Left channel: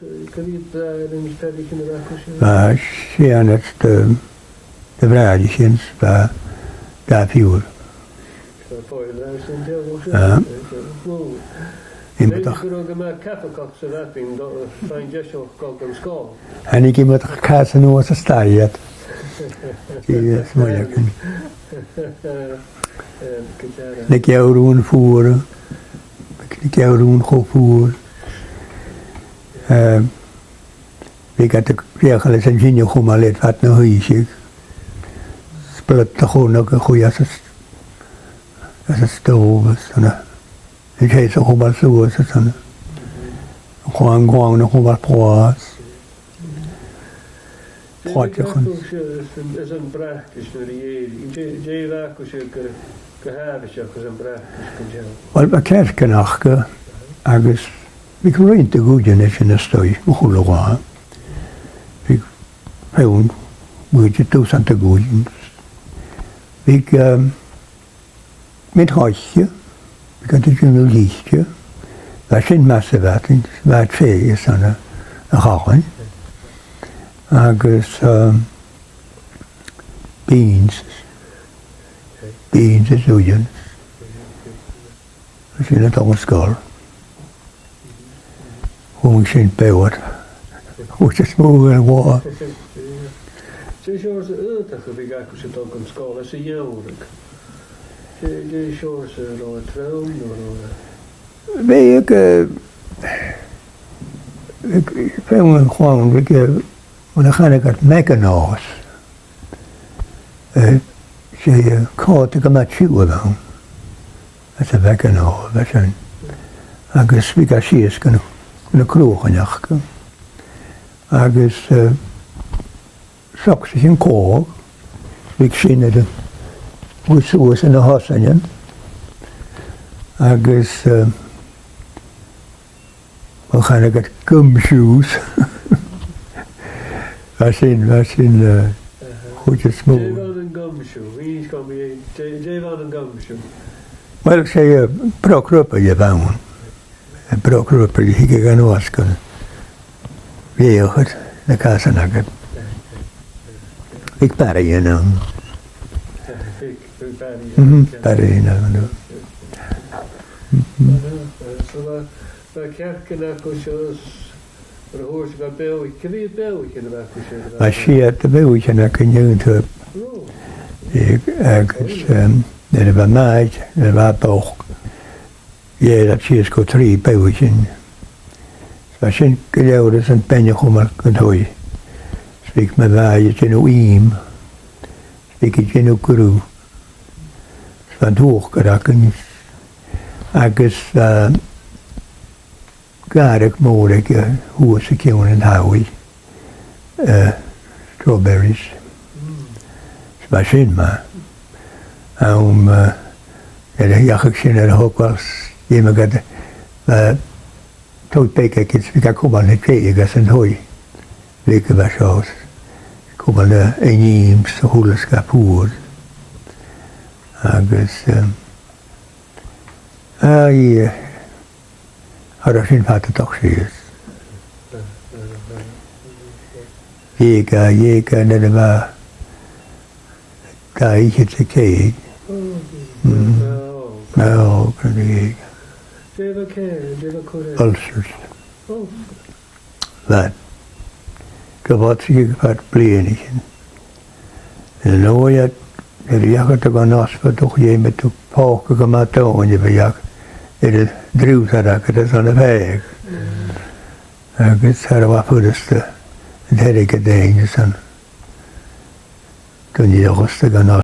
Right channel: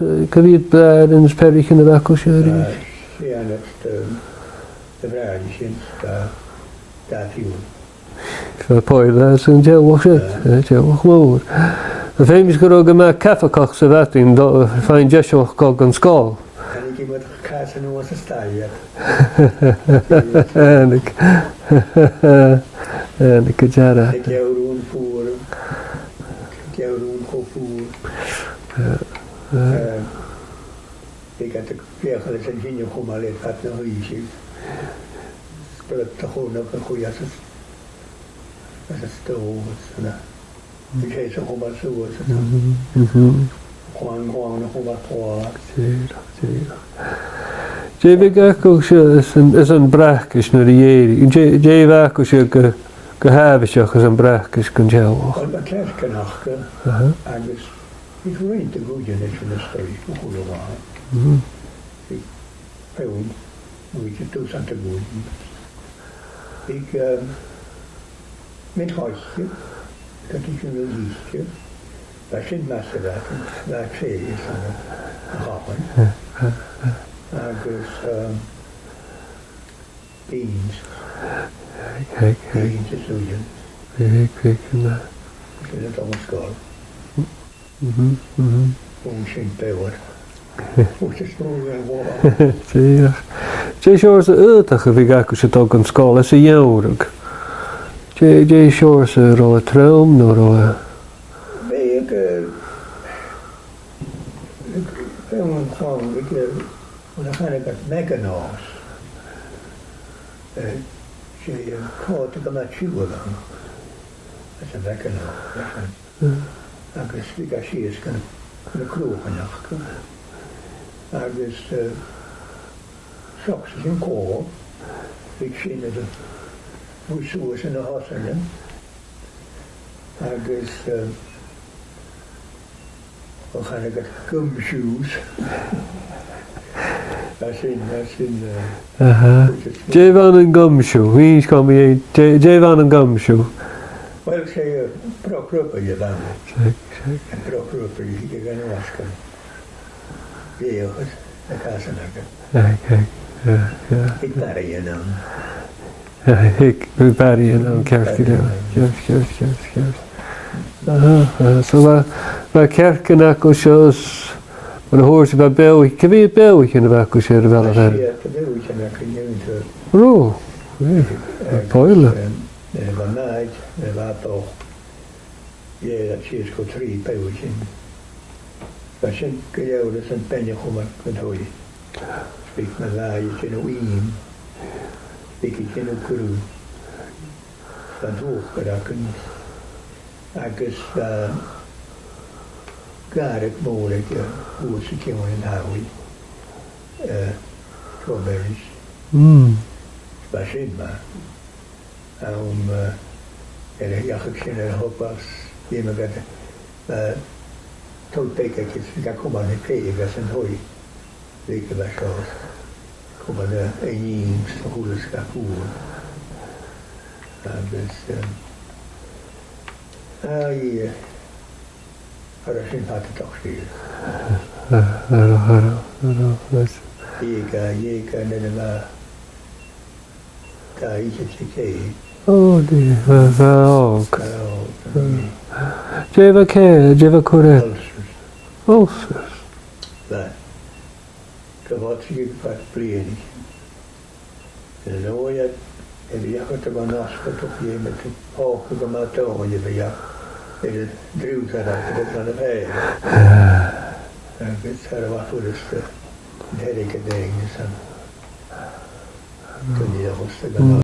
cyfyd blad yn ysperig yn y bacw siya? Siya net de vraagjes daar viel. So poil sy'n jewch siya, jewch mawr. Y ffeim ysgwr o gyma caffa coch sy'n fatrin, ffain jesioch gog yn sgol. En ik heb het kaas en oor stariet. En ik jara. Ik jou roen voeren. Ik jou roen gevoerd. Ik had de regels en zin je gewoon maar let wat nou huisje. Split de gewoon ook een goeie als het stoof is. Ik heet zo gewoon maar zo is het dan. Gewoon nog gewoon maar praat. Jay bacw siya is een brachkis na rieri. Jay bacw siya gehabisach is een brachkis gan jaw. Wel mae kerkenach agus ik rwy'n dy gwydyn eich yn ystoi o chwlo gwa. Ik hewn mwyd y dwsan dy gwydyn. Ik mynd hoesio. Ik had het yn y lysio. Fa sy'n mas y fat yn fat ffeis yn y chawin. Agus beans. Beans is oeien. Sy'n y dog yn sgol. Hwn sy'n bewr. Wyt ys mwyn yn wa. Jay siwr sy'n ydach y fi gacw sy'n dog yn sgol, es y iawrg. Jay siwr sy'n ro y traum nhw ro y... Fe ik fewn yn chwawn, When I kind of got mechanos, she caught to come at you with them. That's a mechano. That's an. I guess we got she is going to crew on you. I guess socks in call. We seen it. Which was in the house again. I guess we kind of got gumshoes. I seen Jay van een gumshoe. Wie is komen Jay van een gumshoe? Wel, ik zei brokruppen je van. En brokruppen die ik gaan wasken. Weer het, de kassen nakken. Ik barre je dan. Ik barre je dan. Barre je dan. Zo waar kerken ook zoals. Maar hoor ze bij België. Kan je België in de bacw siya wel? Maar zie je de België naar kan je natuurlijk. Ro. Er was mij, er was boog. Ja, dat zie je zo 3 België. Maar zijn gelouders en penje gewoon kunt hoor. Spreek met wij, je zit nu iem. Spreek je nu crew. Van hoog geraken. Agus gaar ik mogelijk hoe ze komen in Howie. Strawberries. Maar zin maar. En ja, ik zie er ook wel iemand gaat. Tot peken ik ga komen naar twee gas en hooi. Lekker was zoals. Komen naar een jeems, hoe het gaat voer. Agus. Ja. Har sin fatt toch zie. Jeka, net er var. Daar ikke til kæg. Det var ook. Det var kæg, det var korrekt. Ulcers. Hvad? Gewort sig fat bleen. En nu jeg har det gået også for doch je med to på gemaakt og je ved jeg. Det drivsarrak, det er sånne vei. Så det var første. Det er ikke det ene sånn. Kunne jeg også ganske